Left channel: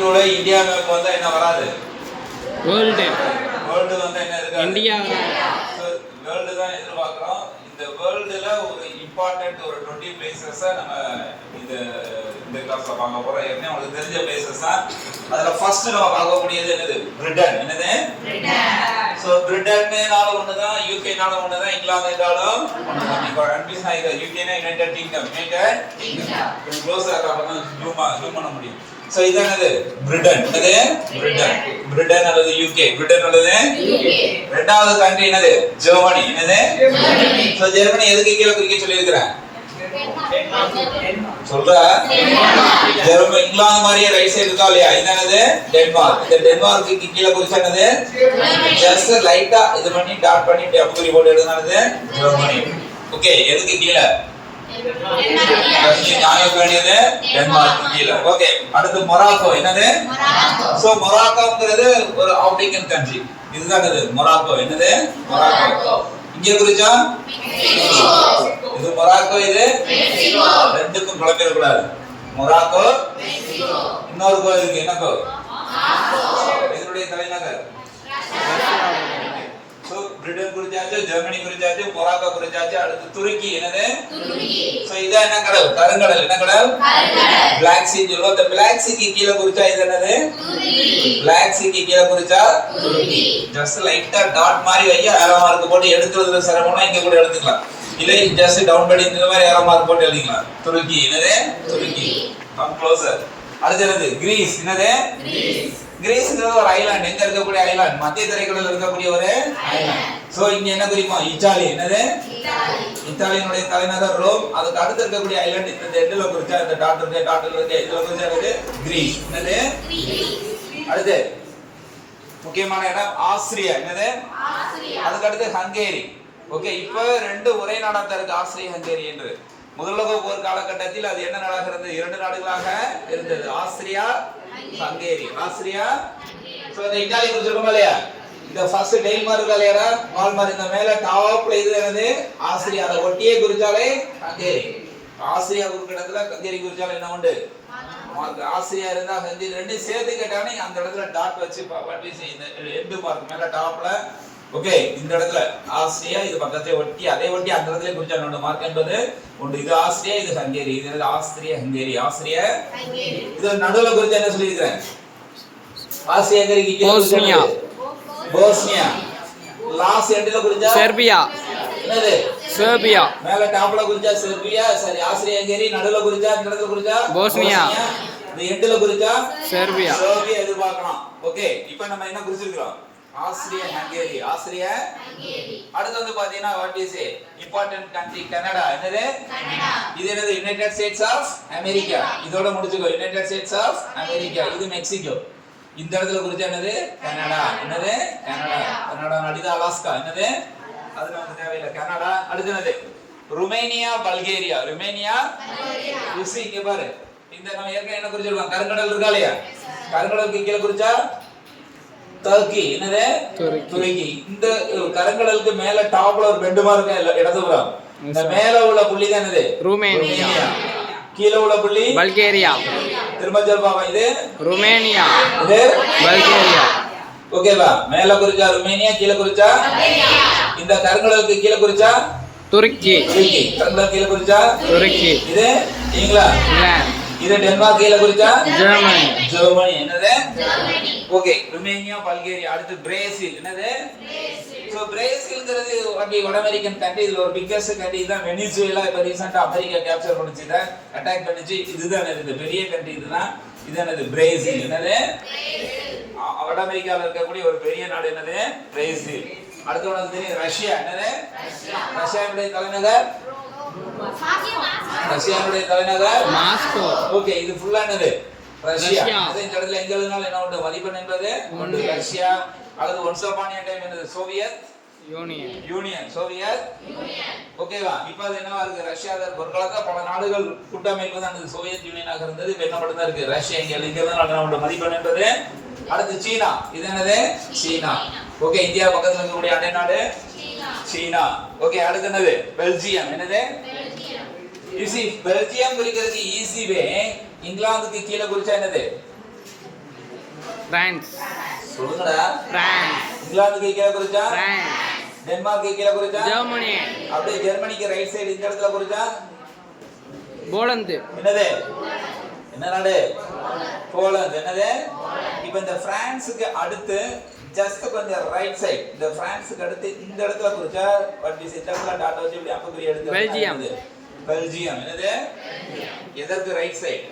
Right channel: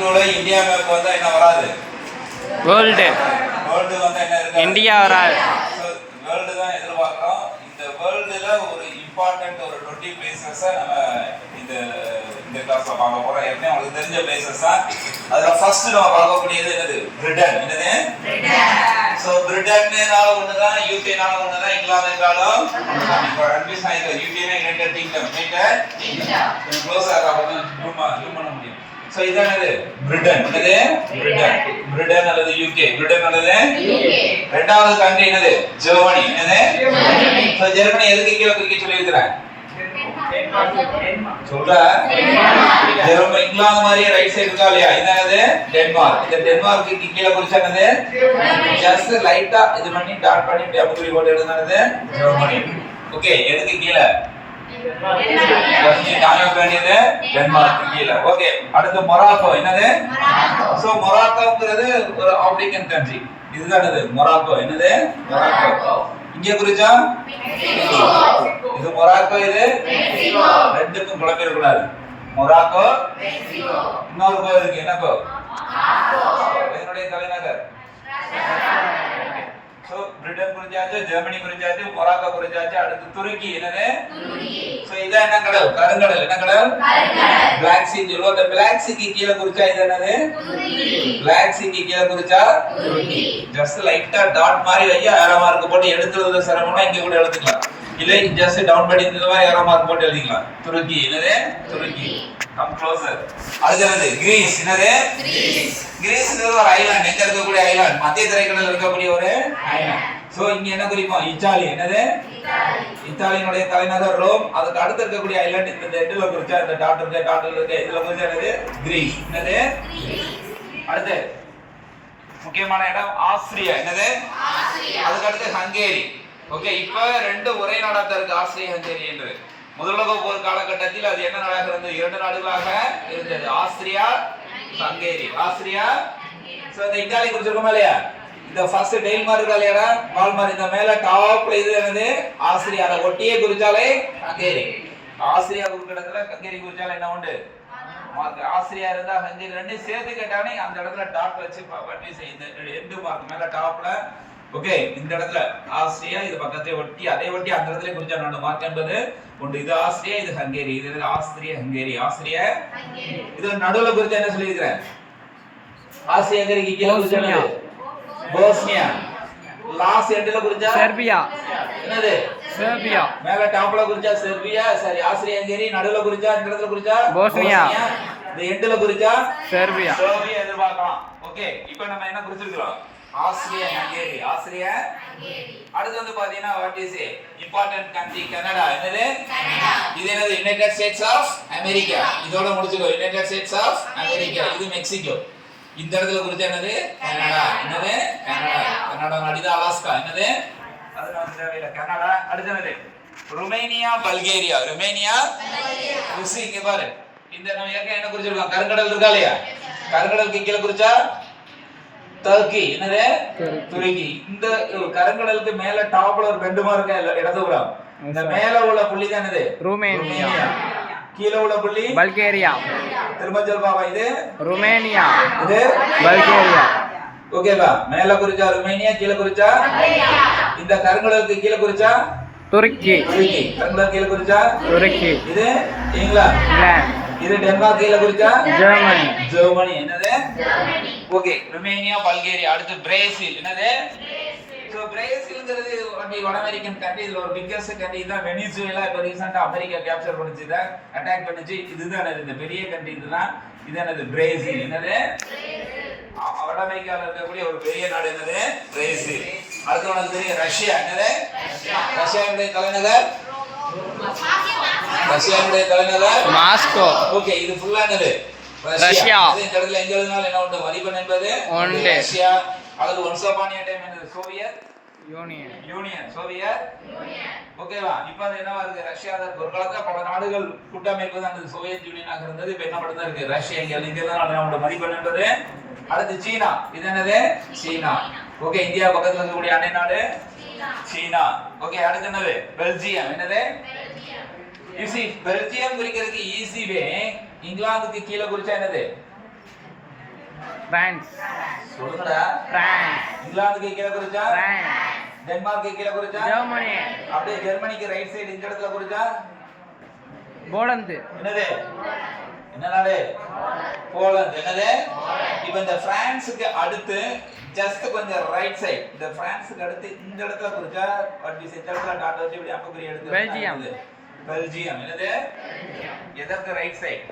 2022ல India map வந்தா என்ன வராது? வேர்ல்டு வந்தா என்ன இருக்கு? இந்தியா வராது. வேர்ல்டு தான் எதிர்பார்க்கிறோம். இந்த வேர்ல்டுல ஒரு இம்பார்ட்டன்ட் ஒரு 20 பிளேசஸ் நம்ம இந்த இந்த கிளாஸ்ல பார்க்க போறோம். ஏற்கனவே உங்களுக்கு தெரிஞ்ச பிளேசஸ் தான். அதுல ஃபர்ஸ்ட் நம்ம பார்க்கக்கூடியது என்னது? பிரிட்டன். என்னது? சோ பிரிட்டன்னால ஒண்ணுதான், யூகேனால ஒண்ணுதான், இங்கிலாந்துனாலும் ஒண்ணுதான். இப்போ கன்ஃபியூஸ் ஆயிருக்கு. யூகேனா யுனைடெட் கிங்டம், யுனைடெட் கிங்டம். கொஞ்சம் க்ளோஸா அப்பதான் ஜூம் பண்ண முடியும். சோ இது என்னது? பிரிட்டன். என்னது? பிரிட்டன். பிரிட்டன் அல்லது யூகே. பிரிட்டன் அல்லது யூகே. இரண்டாவது கண்ட்ரி என்னது? ஜெர்மனி. என்னது? ஜெர்மனி. சோ ஜெர்மனி எதுக்கு கீழ குறிக்க சொல்லி இருக்கறேன்? சொல்ற ஜெர்மனி இங்கிலாந்து மாதிரியே ரைட் சைடு இருக்கா இல்லையா? இது என்னது? டென்மார்க். இந்த டென்மார்க்கு கீழ குறிச்சா என்னது? ஜஸ்ட் லைட்டா இது பண்ணி டாட் பண்ணி டேப் குறி போட்டு எழுதுனது ஜெர்மனி. ஓகே, எதுக்கு கீழ? டென்மார்க் கீழ. ஓகே, அடுத்து மொராக்கோ. என்னது? சோ மொராக்கோங்கிறது ஒரு ஆப்பிரிக்கன் கண்ட்ரி. இதுதான் என்னது? மொராக்கோ. என்னது? மொராக்கோ. இங்க குறிச்சா இது மொராக்கோ, இது மெக்சிகோ. ரெண்டுக்கும் குழப்பிட கூடாது. மொராக்கோ, இன்னொரு கோ இருக்கு. என்ன கோ? என்னுடைய தலைநகர். சோ பிரிட்டன் குறிச்சாச்சு, ஜெர்மனி குறிச்சாச்சு, மொராக்கோ குறிச்சாச்சு. அடுத்து துருக்கி. என்னது? துருக்கி. சோ இது என்ன கடல்? கருங்கடல். என்ன கடல்? கருங்கடல். Black Sea சொல்லுவோம். அந்த Black Sea க்கு கீழ குறிச்சா இது என்னது? துருக்கி. Black Sea க்கு கீழ குறிச்சா துருக்கி. ஜஸ்ட் லைட்டா டாட் மாதிரி வையா ஏரோ மார்க் போட்டு எடுத்துறது சிரமம்னா இங்க கூட எடுத்துக்கலாம். இல்ல ஜஸ்ட் டவுன் படி இந்த மாதிரி ஏரோ மார்க் போட்டு எழுதிக்கலாம். துருக்கி. என்னது? துருக்கி. Come closer. அடுத்து கிரீஸ். என்னது? கிரீஸ். கிரீஸ்ங்கிறது ஒரு ஐலாண்ட். எங்க இருக்கக்கூடிய ஐலாண்ட்? மத்திய தரைக்கடல்ல இருக்கக்கூடிய ஒரு ஐலாண்ட். சோ இங்க என்ன குறிக்கும்? இத்தாலி. என்னது? இத்தாலி. இத்தாலியினுடைய தலைநகர் ரோம். அதுக்கு அடுத்து இருக்கக்கூடிய ஐலாண்ட் இந்த எட்ல குறிச்சா இந்த டாட் இருக்கு, டாட்ல இருக்கு. இதுல குறிச்சா என்னது? கிரீஸ். என்னது? கிரீஸ். அடுத்து முக்கியமான இடம் ஆஸ்திரியா. என்னது? ஆஸ்திரியா. அதுக்கு அடுத்து ஹங்கேரி. ஓகே, இப்போ ரெண்டு ஒரே நாடா தான் இருக்கு, ஆஸ்திரியா ஹங்கேரி என்று. முதலுலக போர் காலகட்டத்தில் அது என்ன நாடாக இருந்தது? இரண்டு நாடுகளாக இருந்தது, ஆஸ்திரியா ஹங்கேரி. ஆஸ்திரியா. சோ இந்த இத்தாலி குறிச்சிருக்கோமா இல்லையா? இந்த ஃபர்ஸ்ட் டெயில் மார்க் இருக்கா இல்லையா? வால் மார்க் இந்த மேல டாப்ல இது என்னது? ஆஸ்திரியா. அத ஒட்டியே குறிச்சாலே ஹங்கேரி. ஆஸ்திரியா குறிக்கிறதுல ஹங்கேரி குறிச்சாலே என்ன உண்டு? மார்க். ஆஸ்திரியா இருந்தா ஹங்கேரி ரெண்டும் சேர்த்து கேட்டானே அந்த இடத்துல டாட் வச்சு வட்டி செய்யுது. எண்டு மார்க் மேல டாப்ல. ஓகே, இந்த இடத்துல ஆஸ்திரியா, இது பக்கத்தை ஒட்டி அதே ஒட்டி அந்த இடத்துல குறிச்சா ரெண்டு மார்க் என்பது உண்டு. இது ஆஸ்திரியா, இது ஹங்கேரி. இது ஆஸ்திரியா ஹங்கேரி. Austria Hungary. இது நடுவுல குறிச்சா என்ன சொல்லி இருக்கேன்? ஆஸ்திரியா ஹங்கேரிக்கு கீழ போஸ்னியா. போஸ்னியா. லாஸ்ட் எண்ட்ல குறிச்சா செர்பியா. என்னது? செர்பியா. மேல டாப்ல குறிச்சா செர்பியா. சரி, ஆஸ்திரியா ஹங்கேரி. நடுவுல குறிச்சா இந்த இடத்துல குறிச்சா போஸ்னியா. இந்த எண்ட்ல குறிச்சா செர்பியா. செர்பியா எதிர்பார்க்கலாம். ஓகே, இப்போ நம்ம என்ன குறிச்சிருக்கோம்? Austria Hungary. Austria Hungary. அடுத்து வந்து பாத்தீங்கன்னா what is important country? Canada. என்னது? கனடா. இது என்னது? United States of America. இதோட முடிச்சுக்கோ. United States of America. இது மெக்சிகோ. இந்த இடத்துல குறிச்சா என்னது? கனடா. என்னது? கனடா. கனடா நாடு. இது அலாஸ்கா. என்னது? அது நமக்கு தேவையில்லை. கனடா. அடுத்து என்னது? Romania, Bulgaria. Romania, Bulgaria. ருசிக்கு பாரு. இந்த நம்ம ஏற்கனவே என்ன குறிச்சிருக்கோம்? கருங்கடல் இருக்கா இல்லையா? கருங்கடலுக்கு கீழ குறிச்சா டர்க்கி. என்னது? துருக்கி. இந்த கருங்கடலுக்கு மேல டாப்ல ஒரு பெண்டு மார்க் இடதுபுறம். இந்த மேல உள்ள புள்ளி தான் என்னது? ருமேனியா. கீழ உள்ள புள்ளி பல்கேரியா. திரும்ப சொல்லுவாங்க. இது ருமேனியா, இது பல்கேரியா. ஓகேவா? மேல குறிச்சா ருமேனியா, கீழ குறிச்சா பல்கேரியா. இந்த கருங்கடலுக்கு கீழ குறிச்சா துருக்கி. துருக்கி. கருங்கடலுக்கு கீழ குறிச்சா துருக்கி. இது இங்கிலாந்து. இங்கிலாந்து. இது டென்மார்க். கீழ குறிச்சா ஜெர்மனி. ஜெர்மனி. என்னது? ஜெர்மனி. Okay, Romania, Bulgaria. அடுத்து பிரேசில். என்னது? பிரேசில். சோ பிரேசில்ங்கிறது வட அமெரிக்கன் கண்ட்ரி. இதுல ஒரு பிக்கஸ்ட் கண்ட்ரி தான் வெனிசுவேலா. இப்ப ரீசன்ட்டா அமெரிக்கா கேப்சர் பண்ணிச்சு, இத அட்டாக் பண்ணிச்சு. இதுதான் இந்த பெரிய கண்ட்ரி. இதுதான் இது என்னது? பிரேசில். என்னது? பிரேசில். வட அமெரிக்கால இருக்கக்கூடிய ஒரு பெரிய நாடு. என்னது? பிரேசில். அடுத்து உனக்கு தெரியும் ரஷ்யா. என்னது? ரஷ்யாவுடைய தலைநகர் ரஷ்யாவுடைய தலைநகர் மாஸ்கோ. ஓகே, இது ஃபுல்லா என்னது? ரஷ்யா. இந்த இடத்துல எங்க எழுதினாலும் என்ன உண்டு? மதிப்பெண் என்பது உண்டு. ரஷ்யா. அல்லது ஒன்ஸ் அபான் எ டைம் என்னது? Soviet union. Soviet union. ஓகேவா? இப்போ அது என்னவா இருக்கு? ரஷ்யா தான். ஒரு காலத்துல பல நாடுகள் கூட்டமைப்பு தான் இந்த சோவியத் யூனியனாக இருந்தது. இப்போ என்ன பண்ணுதா இருக்கு? ரஷ்யா. இங்க எழுதிக்கிறதுனால என்ன உண்டு? மதிப்பெண் என்பது. அடுத்து சீனா. இது என்னது? சீனா. ஓகே, இந்தியா பக்கத்துல இருக்கக்கூடிய அண்டை நாடு சீனா. ஓகே, அடுத்து என்னது? பெல்ஜியம். என்னது? பெல்ஜியம் குறிக்கிறதுக்கு ஈஸி வே. இங்கிலாந்துக்கு கீழ குறிச்சா என்னது? பிரான்ஸ். சொல்லுங்கடா. பிரான்ஸ். இங்கிலாந்துக்கு கீழே குறிச்சா பிரான்ஸ். டென்மார்க்கு கீழே குறிச்சா ஜெர்மனி. அப்படியே ஜெர்மனிக்கு ரைட் சைடு இந்த இடத்துல குறிச்சா போலந்து. என்னது? என்ன நாடு? போலந்து. என்னது? இப்போ இந்த பிரான்ஸுக்கு அடுத்து ஜஸ்ட் கொஞ்சம் ரைட் சைடு, இந்த பிரான்ஸுக்கு அடுத்து இந்த இடத்துல குறிச்சா பட் இந்த இடத்துல டாட் வச்சு இப்படி அம்புக்குறி எடுத்து பெல்ஜியம். பெல்ஜியம். என்னது? எதற்கு ரைட் சைடு?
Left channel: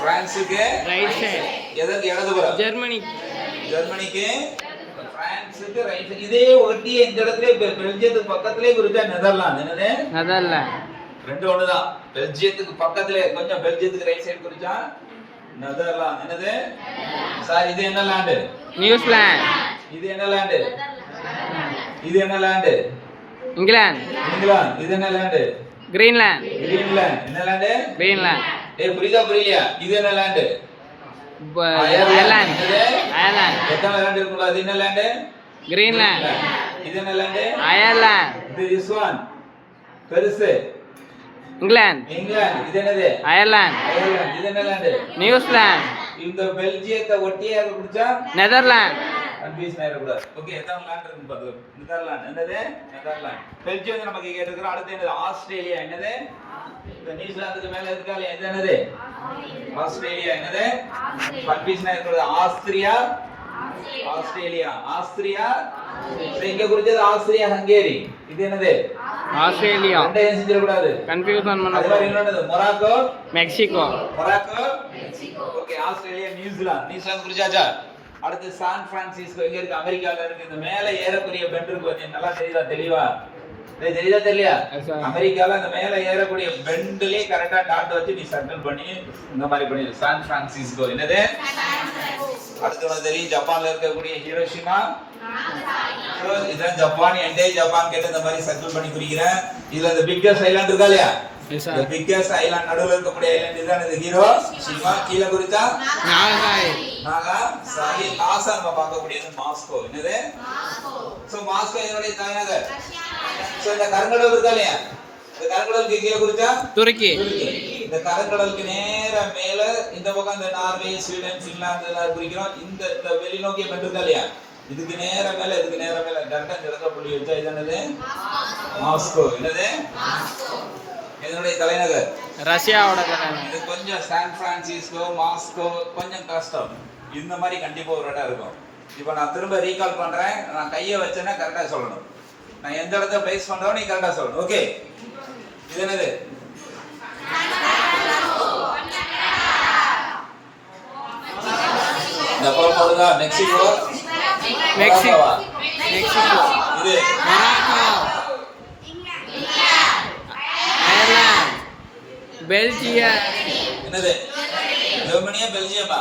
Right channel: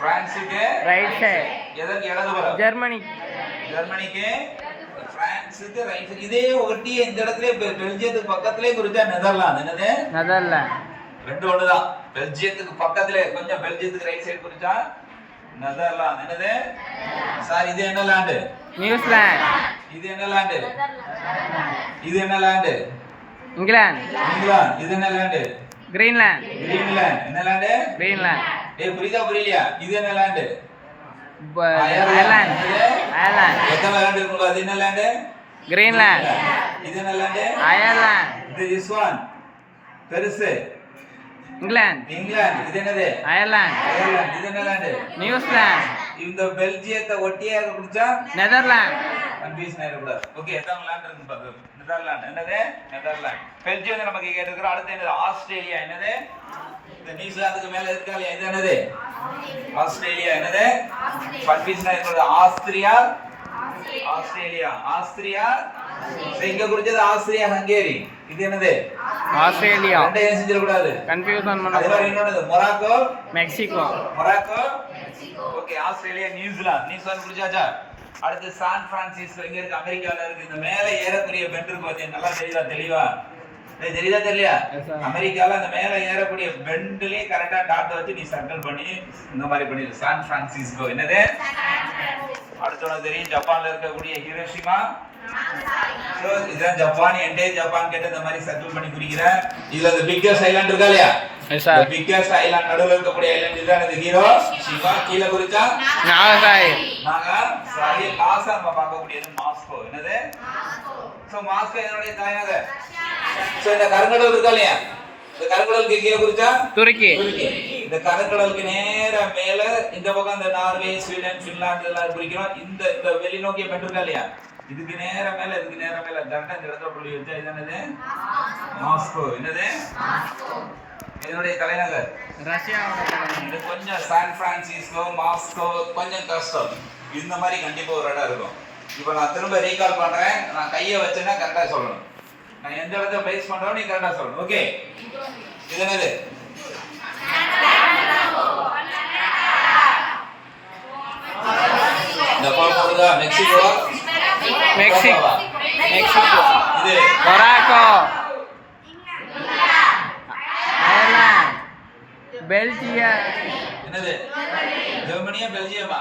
பிரான்ஸுக்கு ரைட் சைடு. எதற்கு இடதுபுறம்? ஜெர்மனி. ஜெர்மனிக்கு பிரான்ஸுக்கு ரைட் சைடு. இதே ஒட்டி இந்த இடத்துல பெல்ஜியத்துக்கு பக்கத்திலே குறிச்சா நெதர்லாந்து. என்னது? நெதர்லாந்து. ரெண்டு ஒண்ணுதான். பெல்ஜியத்துக்கு பக்கத்துல கொஞ்சம் பெல்ஜியத்துக்கு ரைட் சைடு குறிச்சா நெதர்லாந்து. என்னது? சார் இது என்ன லேண்ட்? நியூசிலாந்து. இது என்ன லேண்ட்? இது என்ன லேண்ட்? இங்கிலாந்து. இங்கிலாந்து. இது என்ன லேண்ட்? கிரீன்லாந்து. கிரீன்லாந்து. என்ன லேண்ட்? கிரீன்லாந்து. டேய் புரியுதா புரியலையா? இது என்ன லேண்ட்? அயர்லாந்து. அயர்லாந்து. எத்தனை லேண்ட் இருக்குங்க? அது என்ன லேண்ட்? கிரீன்லாந்து. இது என்ன லேண்ட்? அயர்லாந்து. இது this one பெருசு இங்கிலாந்து. இங்கிலாந்து. இது என்னது? அயர்லாந்து. அயர்லாந்து. இது என்ன லேண்ட்? நியூசிலாந்து. இந்த பெல்ஜியத்தை ஒட்டியே குடிச்சா நெதர்லாந்து. கன்ஃபியூஷன் ஆயிடக்கூடாது. ஓகே, எத்தனை லேண்ட் இருக்குன்னு பாத்து. நெதர்லாந்து. என்னது? நெதர்லாந்து. பெல்ஜியம் நமக்கு கேட்டிருக்கிறோம். அடுத்து என்னது? ஆஸ்திரேலியா. என்னது? இந்த நியூசிலாந்துக்கு மேல இருக்கால இது என்னது? ஆஸ்திரேலியா. என்னது? கன்ஃபியூஷன் ஆயிடக்கூடாது. Austria, Australia. ஆஸ்திரியா இங்க குறிச்சது ஆஸ்திரியா ஹங்கேரி. இது என்னது? ஆஸ்திரேலியா. ரெண்டையும் செஞ்சிட கூடாது. கன்ஃபியூஷன் பண்ண. அதே மாதிரி இன்னொன்னு Morocco, Mexico. Morocco, okay. Australia, New Zealand. New Zealand குறிச்சாச்சா? அடுத்து சான் பிரான்சிஸ்கோ எங்க இருக்கு? அமெரிக்கால இருக்கு. இந்த மேல ஏறக்கூடிய பெண்ட் இருக்கு பாத்தீங்க, நல்லா தெரியுதா? தெளிவா தெரியுதா தெரியலையா? அமெரிக்கால அந்த மேல ஏறக்கூடிய பெண்ட்லயே கரெக்டா டாட் வச்சு நீ சர்க்கிள் பண்ணி இந்த மாதிரி பண்ணிரு. San Francisco. என்னது? அடுத்து உனக்கு தெரியும் ஜப்பான்ல இருக்கக்கூடிய ஹிரோஷிமா. இதான் ஜப்பான். எண்டே ஜப்பான் கேட்ட இந்த மாதிரி சர்க்கிள் பண்ணி குறிக்கிறேன். இதுல இந்த பிக்கஸ்ட் ஐலாண்ட் இருக்கா இல்லையா? இந்த பிக்கஸ்ட் ஐலாண்ட் நடுவுல இருக்கக்கூடிய ஐலாண்ட் இதுதான் இந்த ஹிரோஷிமா. கீழ குறிச்சா நாகாசாகி. நாகாசாகி. லாஸ்டா நம்ம பார்க்கக்கூடியது மாஸ்கோ. என்னது? சோ மாஸ்கோ என்னுடைய தலைநகர். சோ இந்த கருங்கடல் இருக்கா இல்லையா? இந்த கருங்கடலுக்கு கீழ குறிச்சா துருக்கி. இந்த கருங்கடலுக்கு நேரா மேல இந்த பக்கம் இந்த நார்வே, ஸ்வீடன், பின்லாந்து எல்லாம் குறிக்கிறோம். இந்த இந்த வெளிநோக்கிய பெண்ட் இருக்கா இல்லையா? இதுக்கு நேரா மேல, இதுக்கு நேரா மேல கரெக்டா இந்த இடத்துல புள்ளி வச்சா இது என்னது? மாஸ்கோ. என்னது? இதனுடைய தலைநகர் ரஷ்யாவோட தலைநகர். இது கொஞ்சம் சான் பிரான்சிஸ்கோ, மாஸ்கோ கொஞ்சம் கஷ்டம். இந்த மாதிரி கண்டிப்பா ஒரு இடம் இருக்கும். இப்போ நான் திரும்ப ரீகால் பண்றேன். நான் கையை வச்சேன்னா கரெக்டா சொல்லணும். நான் எந்த இடத்துல பிளேஸ் பண்றேன் நீ கரெக்டா சொல்லணும். ஓகே, இது என்னது? ஜப்பான் போடுதா? மெக்சிகோ. மெக்சிகோ. மெக்சிகோ. இது மொராக்கோ. அயர்லாந்து. பெல்ஜியம். என்னது? ஜெர்மனியா பெல்ஜியமா?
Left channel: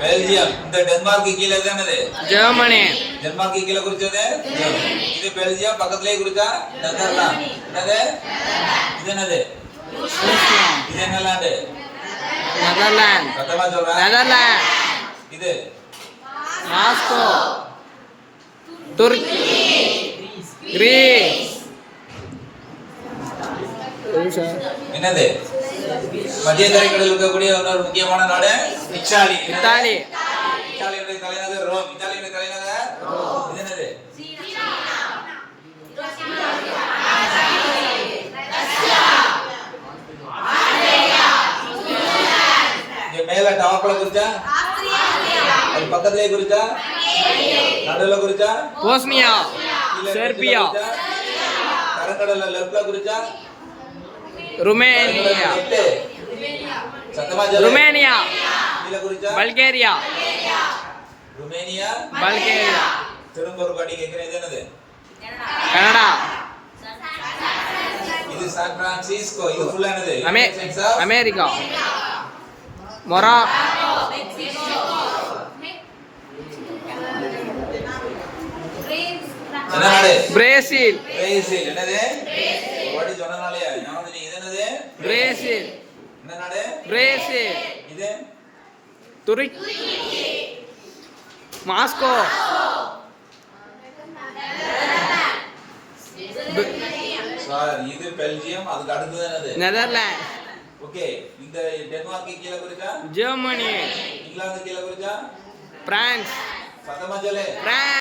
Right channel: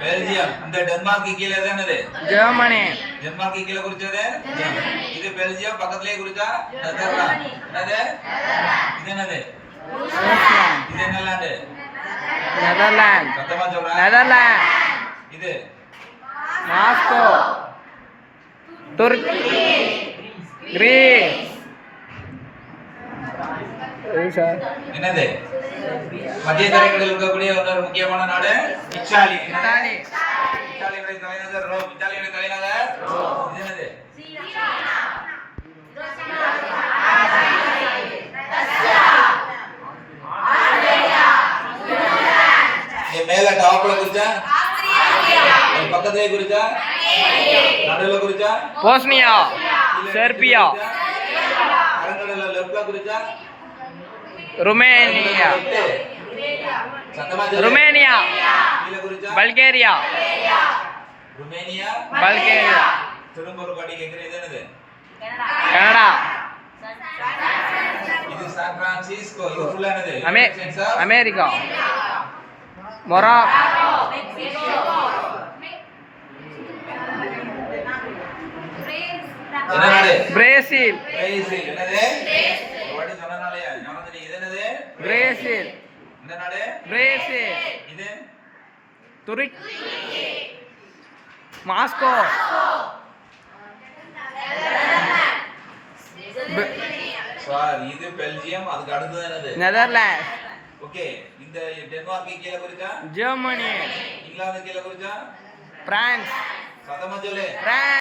பெல்ஜியம். இந்த டென்மார்க்கு கீழே என்னது? ஜெர்மனி. டென்மார்க்கு கீழே குறிச்சது ஜெர்மனி. இது பெல்ஜியம். பக்கத்துலயே குறிச்சா நெதர்லாந்து. என்னது? இது என்னது? இது என்ன லேண்ட்? நெதர்லாந்து. சத்தமா சொல்றேன். நெதர்லாந்து. இது மாஸ்கோ. துருக்கி. கிரீஸ். என்னது? மத்திய தரைக்கடலில் இருக்கக்கூடிய ஒரு முக்கியமான நாடு இத்தாலி. இத்தாலி. இத்தாலியுடைய தலைநகர் ரோம். இத்தாலியுடைய தலைநகர் ரோம். இது என்னது? மேல டாப்ல குறிச்சா அது பக்கத்துலயே குறிச்சா நடுவுல குறிச்சா போஸ்னியா. செர்பியா. கருங்கடல்ல லெஃப்ட்ல குறிச்சா ருமேனியா. ருமேனியா. கீழ குறிச்சா பல்கேரியா. ருமேனியா. பல்கேரியா. திரும்ப ஒரு வாட்டி கேக்குறேன். இது என்னது? கனடா. இது சான் பிரான்சிஸ்கோ. இது ஃபுல்லா என்னது? அமெரிக்கா. மொராக்கோ. என்ன நாடு? பிரேசில். பிரேசில். என்னது? ஒரு வாட்டி சொன்னனாலயா ஞாபகம் இது என்னது? பிரேசில். என்ன நாடு? பிரேசில். இது துருக்கி. மாஸ்கோ. சார் இது பெல்ஜியம். அதுக்கு அடுத்தது என்னது? நெதர்லாந்து. ஓகே இந்த டென்மார்க் கீழே குறிச்சா ஜெர்மனி இங்கிலாந்து கீழே குறிச்சா பிரான்ஸ் சத்தமா சொல்லு பிரான்ஸ்